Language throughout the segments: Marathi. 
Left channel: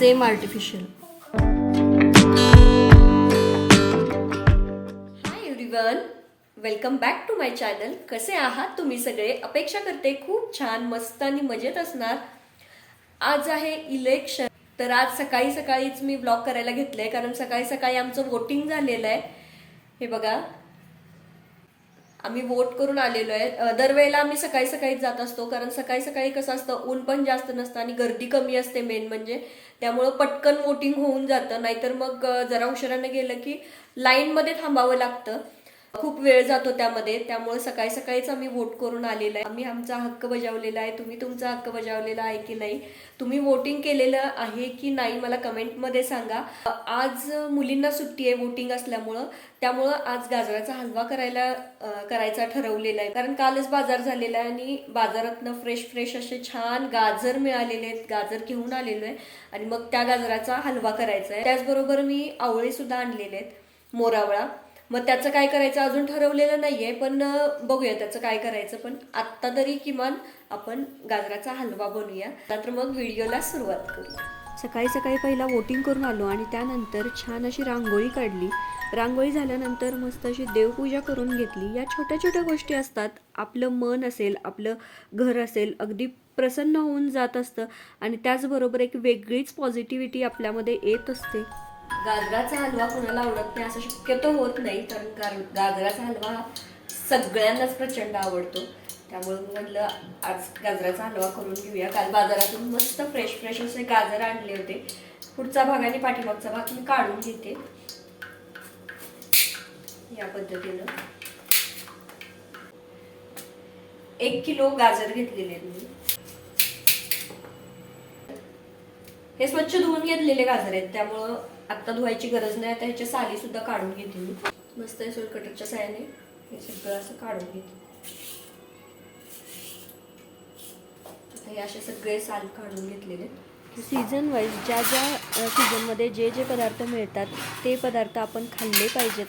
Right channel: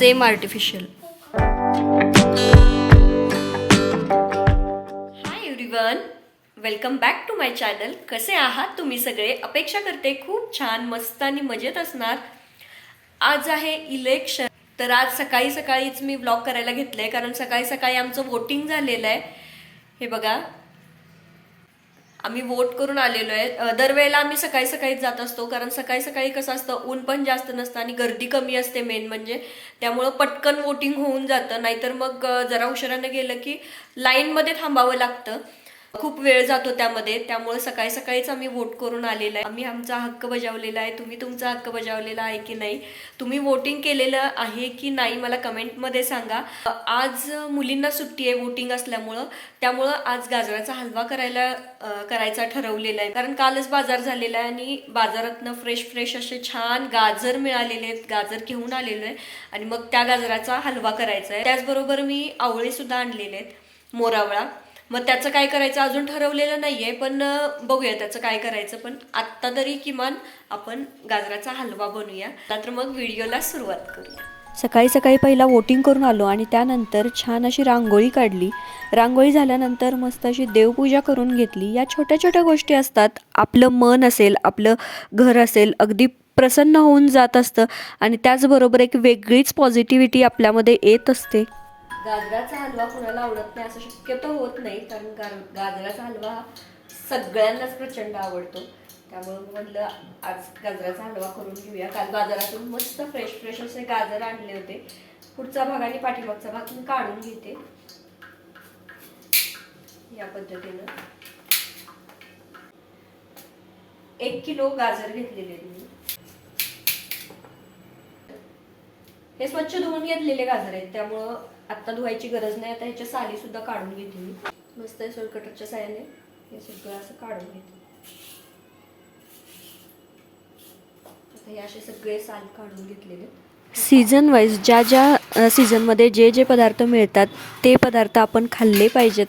Same artificial. Hi everyone, welcome back to my channel. कसे आहात तुम्ही सगळे? अपेक्षा करते खूप छान, मस्त आणि मजेत असणार. आज आहे इलेक्शन, तर आज सकाळी सकाळीच मी ब्लॉग करायला घेतलंय, कारण सकाळी सकाळी आमचं वोटिंग झालेलं आहे. हे बघा, आम्ही वोट करून आलेलो आहे. दरवेळेला आम्ही सकाळी सकाळीच जात असतो, कारण सकाळी सकाळी कसं असतं, ऊन पण जास्त नसतं आणि गर्दी कमी असते मेन म्हणजे. त्यामुळं पटकन वोटिंग होऊन जातं. नाहीतर मग जरा उशिरानं गेलं की लाईनमध्ये थांबावं लागतं, खूप वेळ जातो त्यामध्ये. त्यामुळे सकाळी सकाळीच आम्ही वोट करून आलेला आहे. आम्ही आमचा हक्क बजावलेला आहे. तुम्ही तुमचा हक्क बजावलेला आहे की नाही? तुम्ही वोटिंग केलेलं आहे की नाही मला कमेंटमध्ये सांगा. आज मुलींना सुट्टी आहे वोटिंग असल्यामुळं, त्यामुळं आज गाजराचा हलवा करायचा ठरवलेला आहे. कारण कालच बाजार झालेला आहे आणि बाजारातनं फ्रेश फ्रेश असे छान गाजर मिळालेले आहेत. गाजर घेऊन आलेलो आहे आणि मग त्या गाजराचा हलवा करायचा आहे. त्याचबरोबर मी आवळे सुद्धा आणलेले आहेत, मोरावळा. मग त्याचं काय करायचं अजून ठरवलेलं नाहीये, पण बघूया त्याचं काय करायचं. पण आत्ता तरी किमान आपण गाजराचा हलवा बनवूया. तर मग व्हिडिओला सुरुवात करूया. सकाळी सकाळी पहिला वोटिंग करून आलो आणि त्यानंतर छान अशी रांगोळी काढली. रांगोळी झाल्यानंतर मस्त अशी देवपूजा करून घेतली. या छोट्या छोट्या गोष्टी असतात, आपलं मन असेल, आपलं घर असेल, अगदी प्रसन्न होऊन जात असतं आणि त्याचबरोबर एक वेगळीच पॉझिटिव्हिटी आपल्यामध्ये येत असते. गाजराचा हलवा कोणाला आवडत नाही असं शक्यतो होत नाही, कारण गाजराचा हलवा सगळ्यांनाच प्रचंड आवडतो. त्यामुळे म्हटलं आज गाजराचा हलवा करून घेऊया. काल बाजारातून मस्त फ्रेश फ्रेश असे गाजर आणले होते. पुढचा भाग आणि पाठीमागचा भाग मी काढून घेते या पद्धतीनं. 1 किलो गाजर घेतलेले मी. हे स्वच्छ धुवून घेतलेले गाजर आहेत, त्यामुळं आता धुवायची गरज नाही. आता ह्याच्या साली सुद्धा काढून घेते मी. मस्त सोलकटरच्या साह्याने हे सगळं असं काढून घेते. आता हे असे सगळे साल काढून घेतलेले. सीझन वाईज ज्या सीझनमध्ये जे पदार्थ मिळतात ते पदार्थ आपण खाल्ले पाहिजेत,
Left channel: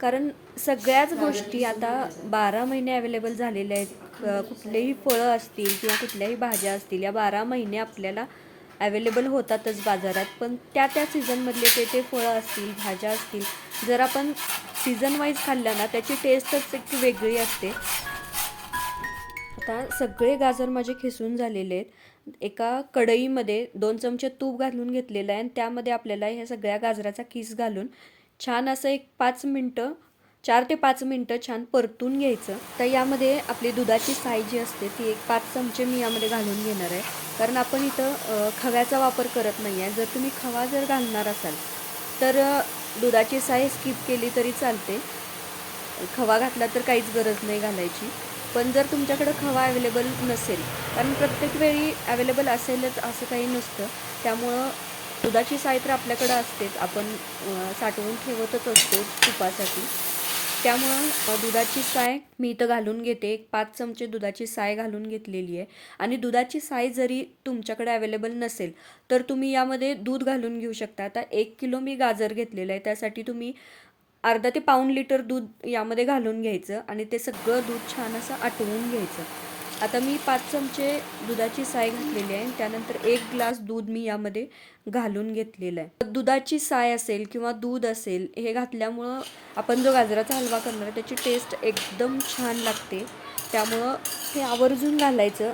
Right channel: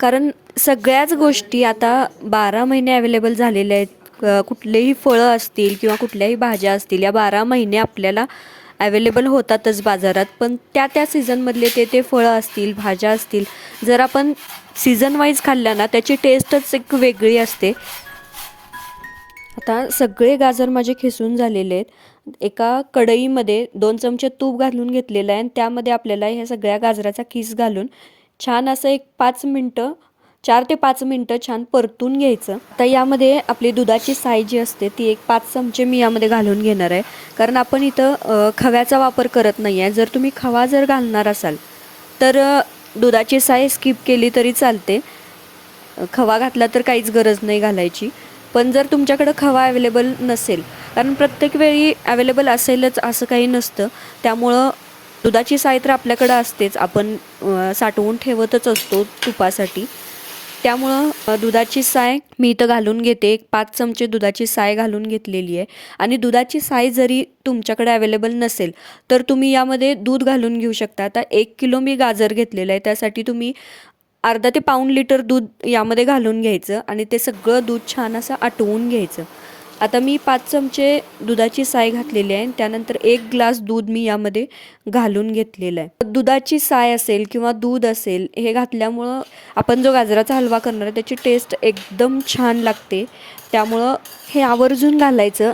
कारण सगळ्याच गोष्टी आता 12 महिने अवेलेबल झालेल्या आहेत. कुठलेही फळं असतील किंवा कुठल्याही भाज्या असतील, या 12 महिने आपल्याला अवेलेबल होतातच बाजारात. पण त्या सीझनमधले ते फळं असतील, भाज्या असतील, जर आपण सीझन वाईज खाल्ल्या ना त्याची टेस्टच एक वेगळी असते. आता सगळे गाजर माझे खिसून झालेले आहेत. एका कढईमध्ये 2 चमचे तूप घालून घेतलेलं आहे आणि त्यामध्ये आपल्याला ह्या सगळ्या गाजराचा किस घालून छान असं एक 4 ते 5 मिनटं छान परतून घ्यायचं. तर यामध्ये आपली दुधाची साय जी असते ती एक 5 चमचे मी यामध्ये घालून घेणार आहे, कारण आपण इथं खव्याचा वापर करत नाही आहे. जर तुम्ही खवा घालणार असाल तर दुधाची साय स्किप केली तरी चालते. खवा घातला तर काहीच गरज नाही घालायची. पण जर तुमच्याकडं खवा अवेलेबल नसेल, कारण प्रत्येक वेळी अवेलेबल असेलच असं काही नसतं, त्यामुळं दुधाची साय तर आपल्याकडं असतेच, आपण साठवून ठेवतच असतो तुपासाठी. त्यामुळं दुधाची साय मी इथं घालून घेते. एक 5 चमचे दुधाची साय घालून घेतलेली आहे. आणि दुधाची साय जरी तुमच्याकडे अवेलेबल नसेल तर तुम्ही यामध्ये दूध घालून घेऊ शकता. आता 1 किलो मी गाजर घेतलेलं आहे, त्यासाठी तुम्ही अर्धा ते पाऊण लिटर दूध यामध्ये घालून घ्यायचं आणि ते सगळं दूध छान असं आटवून घ्यायचं. आता मी 5 चमचे दुधाची साय घातलेली आहे. त्यानंतर 1 ग्लास दूध मी यामध्ये घालून घेतलेलं आहे. दुधाची साय असेल किंवा दूध असेल, हे घातल्यामुळं आपण जो गाजराचा हलवा करणार आहे त्याची टेस्ट एकदम छान लागते. त्यामुळं हे आवर्जून घालायचं.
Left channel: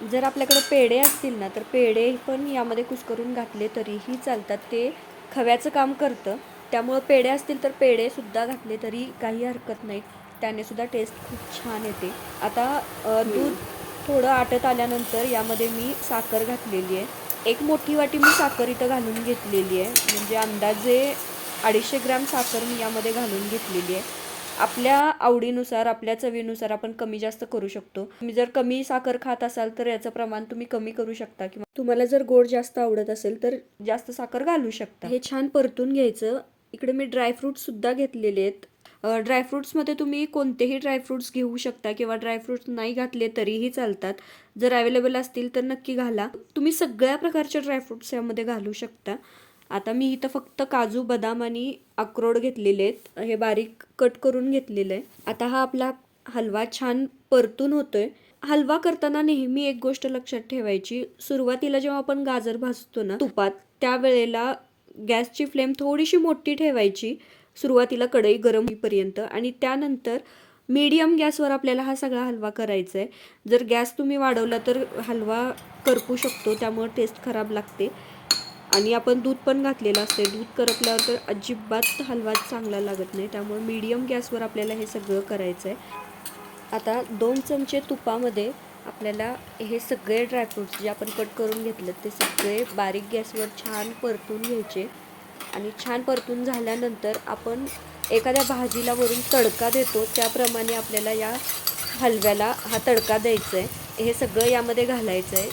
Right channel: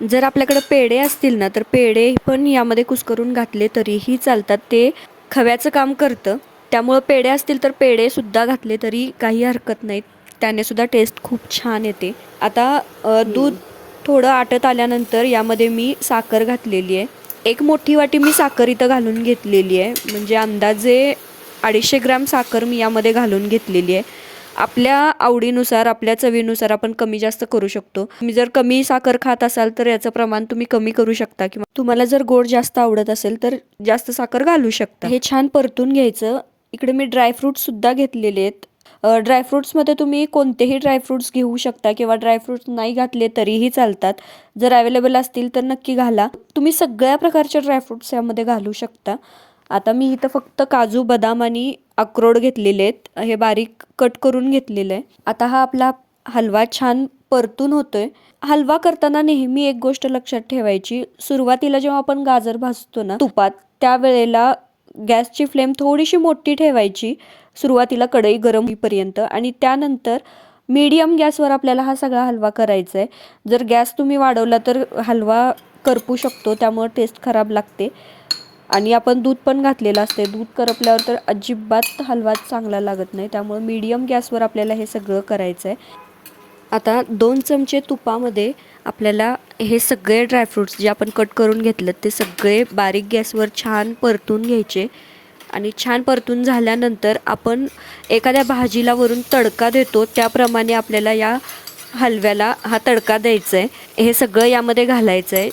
जर आपल्याकडे पेढे असतील ना तर पेढे पण यामध्ये कुस्करून घातले तरीही चालतात, ते खव्याचं काम करतं. त्यामुळं पेढे असतील तर पेढेसुद्धा घातले तरी काही हरकत नाही, त्याने सुद्धा टेस्ट खूप छान येते. आता दूध थोडं आटत आल्यानंतर यामध्ये मी साखर घातलेली आहे. 1 मोठी वाटी मी साखर इथं घालून घेतलेली आहे, म्हणजे अंदाजे 250 ग्रॅम साखर मी यामध्ये घालून घेतलेली आहे. आपल्या आवडीनुसार, आपल्या चवीनुसार आपण कमी जास्त करू शकतो. तुम्ही जर कमी साखर खात असाल तर याचं प्रमाण तुम्ही कमी करू शकता, किंवा तुम्हाला जर गोड जास्त आवडत असेल तर जास्त साखर घालू शकता. हे छान परतून घ्यायचं. इकडे मी ड्रायफ्रूट्ससुद्धा घेतलेले आहेत. ड्रायफ्रूट्समध्ये तुम्ही कोणतेही ड्रायफ्रूट्स घेऊ शकता किंवा ड्रायफ्रूट्स नाही घातले तरीही चालतात. जर अवेलेबल असतील तर नक्की घाला. तुम्ही सगळ्या प्रकारचे ड्रायफ्रूट्स यामध्ये घालू शकता. आता मी इथं फक्त काजू, बदाम आणि अक्रोड घेतलेले आहेत, हे बारीक कट करून घेतलेलं आहे. आता हा आपला हलवा छान परतून होतोय. हलवा करताना नेहमी एक गोष्ट लक्षात ठेवायची, सुरुवातीला जेव्हा आपण गाजर भाजतो ना तुपात, त्यावेळेला गॅसची फ्लेम थोडीशी मोठी ठेवायची सुरुवातीला कढई गरम होईपर्यंत, आणि त्यानंतर मीडियम गॅसवर आपल्याला हा सगळा हलवा करायचा आहे. जर गॅस तुम्ही वाढवला तर हलवा करपू शकतो, त्यामुळे टेस्ट खराब लागते. आणि आपण दूध पण घातलेलं असते, दूध करपल्यावर तर अजिबात हलवा चांगला लागत नाही. त्यामुळे मीडियम गॅसवर आपल्याला हे सगळं करायचं आहे. आता 2 चमचे तुपामध्ये आपल्याला हे सगळे ड्रायफ्रूट्स जे आपण कट करून घेतलं ते सगळे बारीक गॅसवर छान परतून घ्यायचे. आणि छान परतून झाल्यानंतर आपण एखाद्या भाजीला वरून तडका देतो त्याप्रमाणे आपल्याला या हलव्याला हा तडका द्यायचा आहे. हे सगळं यामध्ये घालायचं आहे,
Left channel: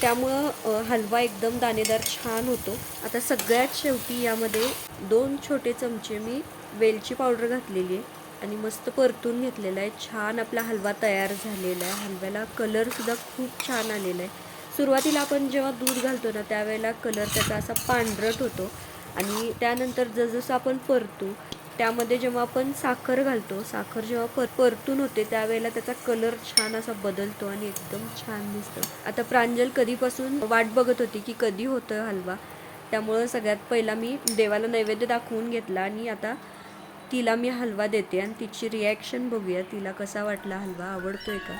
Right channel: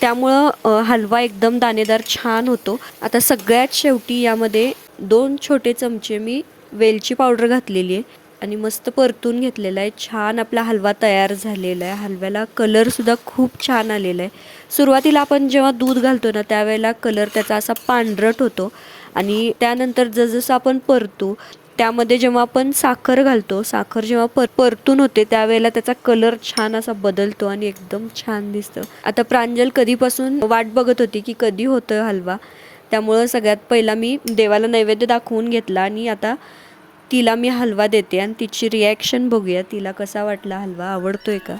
त्यामुळं हलवा एकदम दाणेदार छान होतो. आता सगळ्यात शेवटी यामध्ये 2 छोटे चमचे मी वेलची पावडर घातलेली आहे आणि मस्त परतून घेतलेला आहे. छान आपला हलवा तयार झालेला आहे. हलव्याला कलरसुद्धा खूप छान आलेला आहे. सुरुवातीला आपण जेव्हा दूध घालतो ना त्यावेळेला कलर त्याचा असा पांढरट होतो, आणि त्यानंतर जसजसं आपण परतू त्यामध्ये जेव्हा आपण साखर घालतो, साखर जेव्हा परतून होते त्यावेळेला त्याचा कलर छान असा बदलतो आणि एकदम छान दिसतं. आता प्रांजल कधीपासून वाट बघत होती की कधी होतं हलवा, त्यामुळं सगळ्यात पहिला मी देवाला नैवेद्य दाखवून घेतला आणि आता तिला मी हलवा देते आणि तिची रिॲक्शन बघूया, तिला कसा वाटला हलवा, आवडतोय का.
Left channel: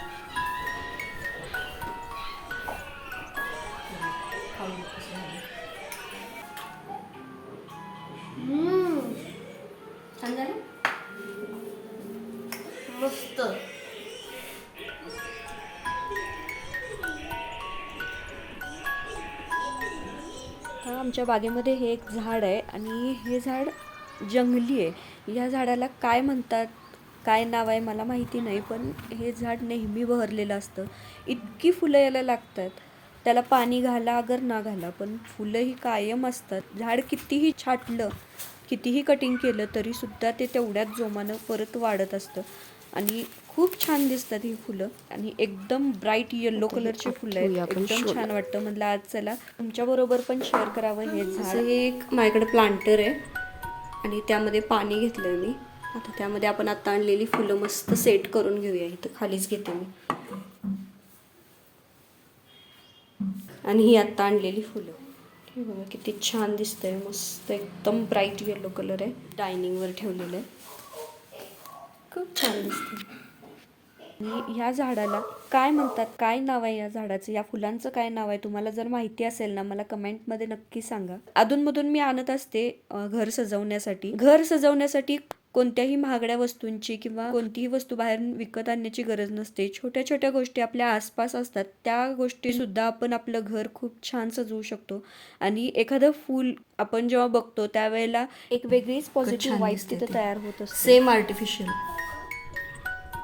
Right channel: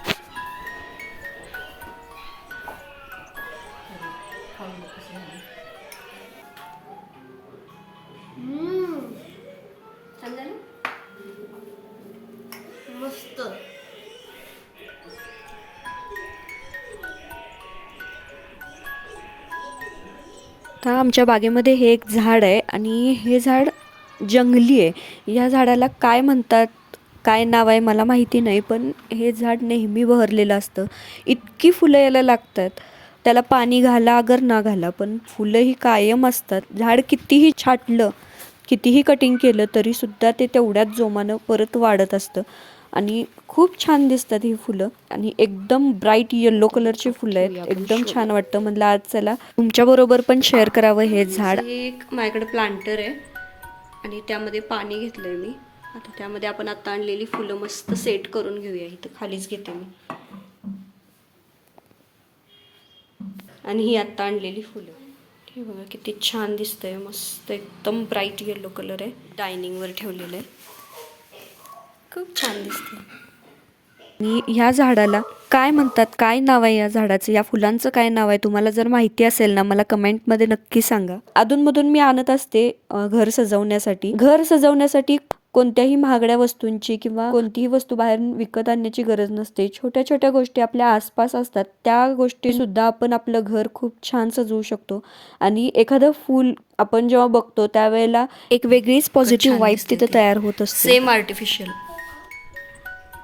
मस्त. तर आमच्या बागेमध्ये हे एक झाड आहे आणि हे झाड जंगली आहे. या झाडाला काय म्हणतात, काय नाव आहे मला माहिती नाही, पण हे झाड नेहमी बहरलेलं असतं. इतकी फुलं याला लागतात, त्याला पाणी घाला अगर ना घाला पण फुलं ही कायम असतात. झाड कितीही छाटलं, कितीही कटिंग केलं तरीसुद्धा ते तेवढ्याच जोमानं परत वाढत असतं आणि खूप छान दिसतात ही फुलं. आणि एकदम ब्राईट येलो कलरची फुलं आहेत, एकदम छान वाटतं. म्हटलं आज चला तुमच्याबरोबर पण शेअर करावं हे झाड. हे एक माझ्याकडे प्लांटर आहे आणि त्यामध्ये पाणी घेतलंय मी. आता त्यामध्ये आपण आता आणलेली फुलं मस्त सेट करून घेऊया. इथं खालीच घेते मी. आणि ही आता आणलेली फुलं, हे बघा किती छान दिसतंय, मस्त एकदम ब्राईट येलो कलर आहे. डायनिंगवर ठेवलेलं आहे, खूप छान दिसते. आणि ह्या झाडाला काय म्हणतात, काय नाव आहे या झाडाचं, या फुलांचं काय नाव आहे, तुम्हाला जर माहिती असेल ना मला कमेंटमध्ये नक्की सांगा. अधूनमधून मी आणत असते घर सजवण्यासाठी. घर सजवण्यासाठी कोणत्याही महागड्या वस्तूंची किंवा कोणतीही वस्तू बाहेर विकत आणण्याची गरज नसते. छोट्या छोट्या गोष्टी आपल्या आसपास असतात, त्या गोष्टी सुद्धा आपण आपलं घर खूप छान सजवू शकतो. आणि एखादं फूल आपण जेव्हा बघतो त्यावेळेला एक वेगळीच पॉझिटिव्ह वाईब तिथे तयार होत असते. Same artificial.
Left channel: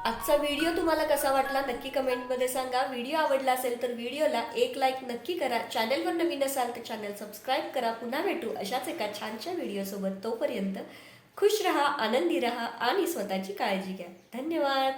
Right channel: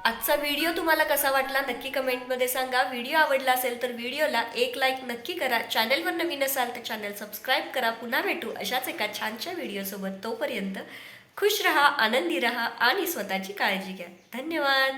आजचा व्हिडिओ तुम्हाला कसा वाटला नक्की कमेंटमध्ये सांगा. व्हिडिओ आवडला असेल तर व्हिडिओला एक लाईक नक्की करा. चॅनलवर नवीन असाल तर चॅनल सबस्क्राईब करा. पुन्हा भेटू अशाच एका छानशा व्हिडिओसोबत. तोपर्यंत खुश रहा, आनंदी रहा आणि स्वतःची काळजी घ्या. धन्यवाद.